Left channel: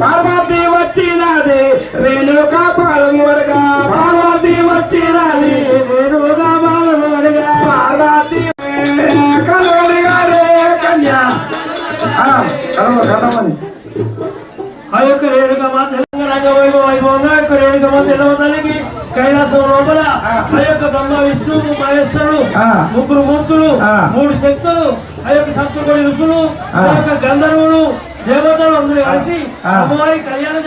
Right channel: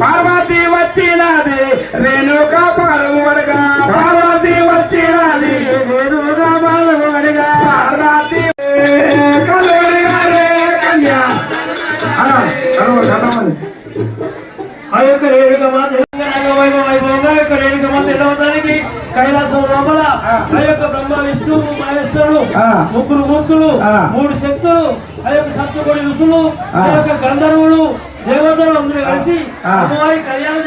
పార్వతి వచ్చినది రేణుకా పార్వతిగా పార్వతి వచ్చినది రేణుకా పార్వతిగా పార్వతి కన్యా ఆ యొక్క రేణుకమ్మ తెలంగాణ వైభవంగా యొక్క రేణుకమ్మ తెలవడానికి కైలాసం లోపల ఆ యొక్క బ్రహ్మ విష్ణు మహేశ్వరుడు ముగ్గురు మూర్తులు మూడు శక్తులు ఆ యొక్క సప్తకోటి ఋషులు ఆ యొక్క గంధర్వులు దేవతలు అందరూ కలిసి అమ్మవారి కళ్యాణం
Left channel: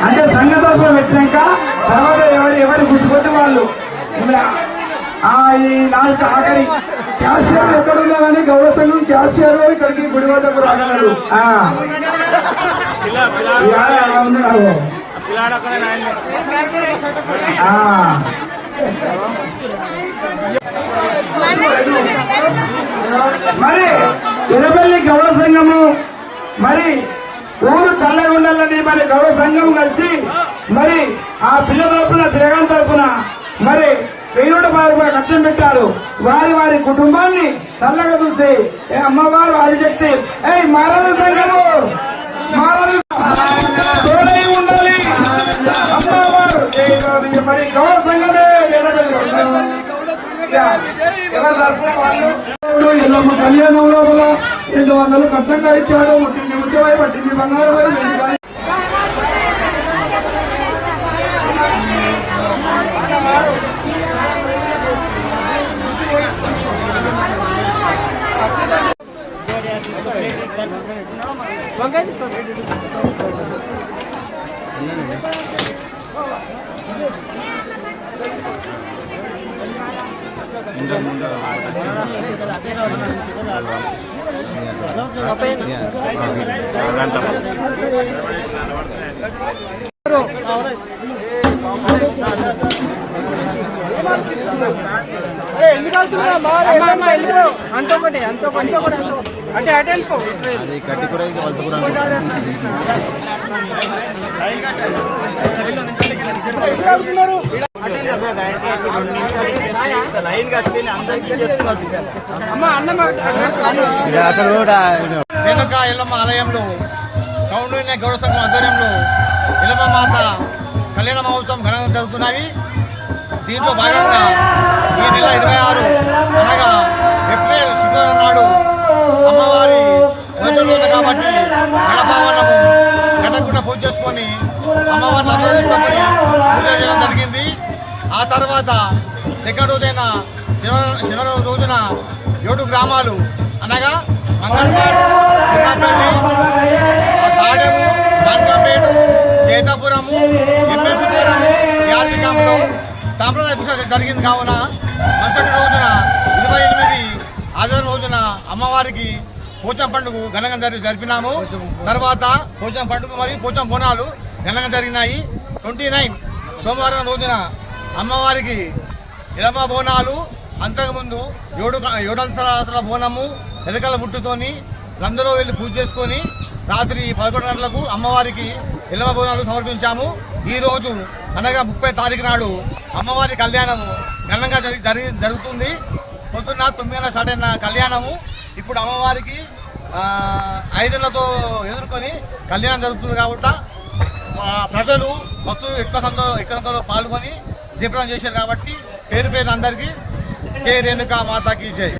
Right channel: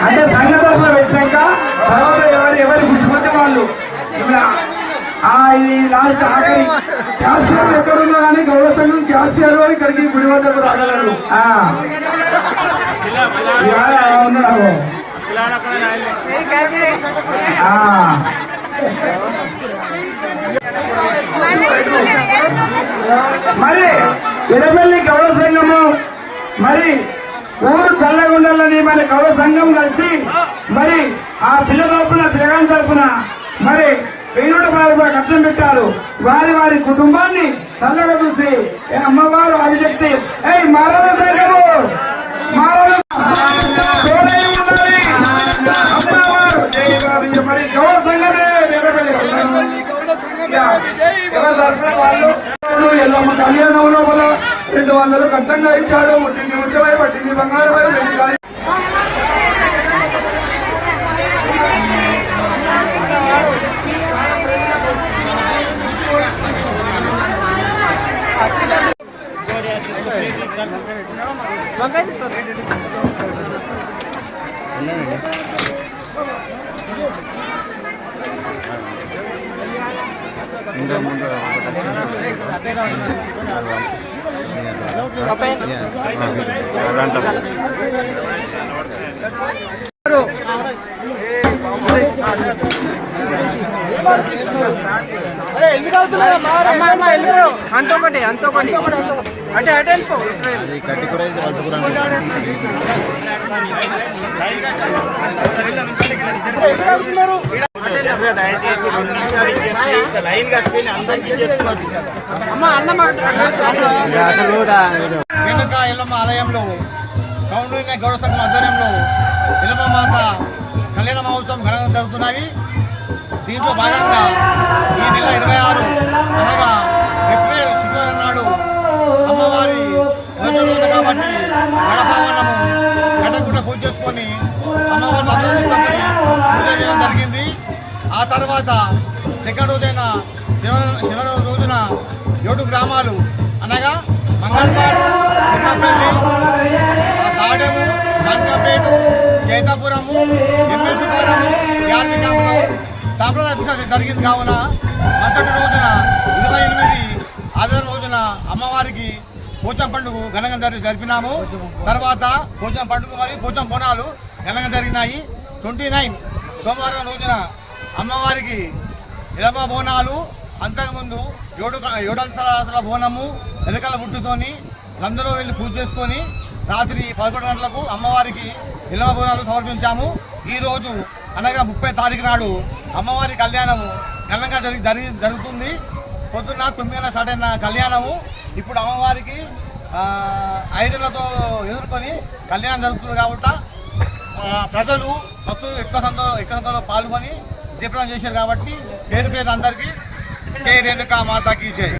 అంటే సంఘటన పెట్టాక తర్వాత ఎవరు గుర్తుపట్టే వాళ్ళు ఈ లాస్ట్ ఆఖరి క్యాషియర్ ఎక్కడున్నా కానీ గౌరవ సంఘం క్యాషియర్ ఇక్కడికి గుడి వద్దకు రాగలరు మరి ఎరపల్లి గౌరవ సంఘము మరి ఊరు చల్లగుండాలని మరి గౌరవ సంఘం కలిసి మరి ఆ పిల్ల తరపున జగన్ తరపున మరి 1000 రూపాయలు కష్టం పెట్టారు. వారి వారి కుటుంబాన్ని చల్లగా చూసి అమ్మవారు ఆదిశక్తి మారవు ఉండాలి అమ్మవారు మరి గౌరవ సంఘమే ఎవరి తరఫున వాళ్ళు ఎల్లమ్మ కళ్యాణంలో 200 కట్టంగా ఇచ్చాడు. పట్టింది బంగారం అంతొకటి అంటే అటే వెళ్ళిపో అది కట్టి కూర వెనుక ఎల్లమ్మ ఆలయంలో కౌండిన్య గౌరవ సంఘం ఆధ్వర్యంలో ఎల్లమ్మ మాత కళ్యాణ మహోత్సవం ఘనంగా జరుగుతున్నాయి. దీంట్లో భాగంగా ఈ నెల 26 అనగా ఏప్రిల్ శుక్రవారం నాడు అమ్మవారి మొదటి రోజు కాబట్టి గడపావన్నము గడకుండా పూజ చేసుకొని అమ్మవారిని అందరూ తీసుకొని పూజ చేయడం జరిగింది. ఆ తర్వాత సెకండ్ రోజైన శనివారం రోజున 7 గ్రామాలు అనగా మంగళపాడు, చిన్నపల్లి, తాడెము, కనకాపేట, జైతాపురము, ఎంఎస్ ఫారము, ఆర్మీ క్యాంపులో సాంప్రదాయ పూజ జరిగింది. కావున మరుసటి రోజున 28 ఆదివారం రోజున అమ్మవారికి పోచం పండుగ ఘనంగా జరిపినాము. తర్వాత పోచం పండుగ మరియు పోచం బోనాలు ఘనంగా జరిగినాయి. 29 సోమవారం రోజున అమ్మవారికి ఇలమ బోనాలు, అంతకుముందు 7 బోనము ఎలకల బుట్టుతోని అందరూ వెళ్ళి పూజ చేసుకొని రాత్రి 11 గంటలకు అమ్మవారికి ఇలమ బోనాలు సమర్పించాము. ఈ రోజు అనగా 30 తారీఖు నాడు అమ్మవారి కళ్యాణము ఘనంగా జరుగుతుంది. పొద్దున్న 9 గంటల స్టార్ట్ అయిన కళ్యాణము ఇప్పుడు అమ్మవారికి 5 గంటలతో ఎదుర్కొని కళ్యాణం జరుగుతుంది. కాబట్టి ప్రజలు భక్తులు ఎక్కువ సంఖ్యలో పాల్గొని దీపం చేశారు. కాబట్టి పేరు అందరికీ జై రేణుకా మాతాకి జై.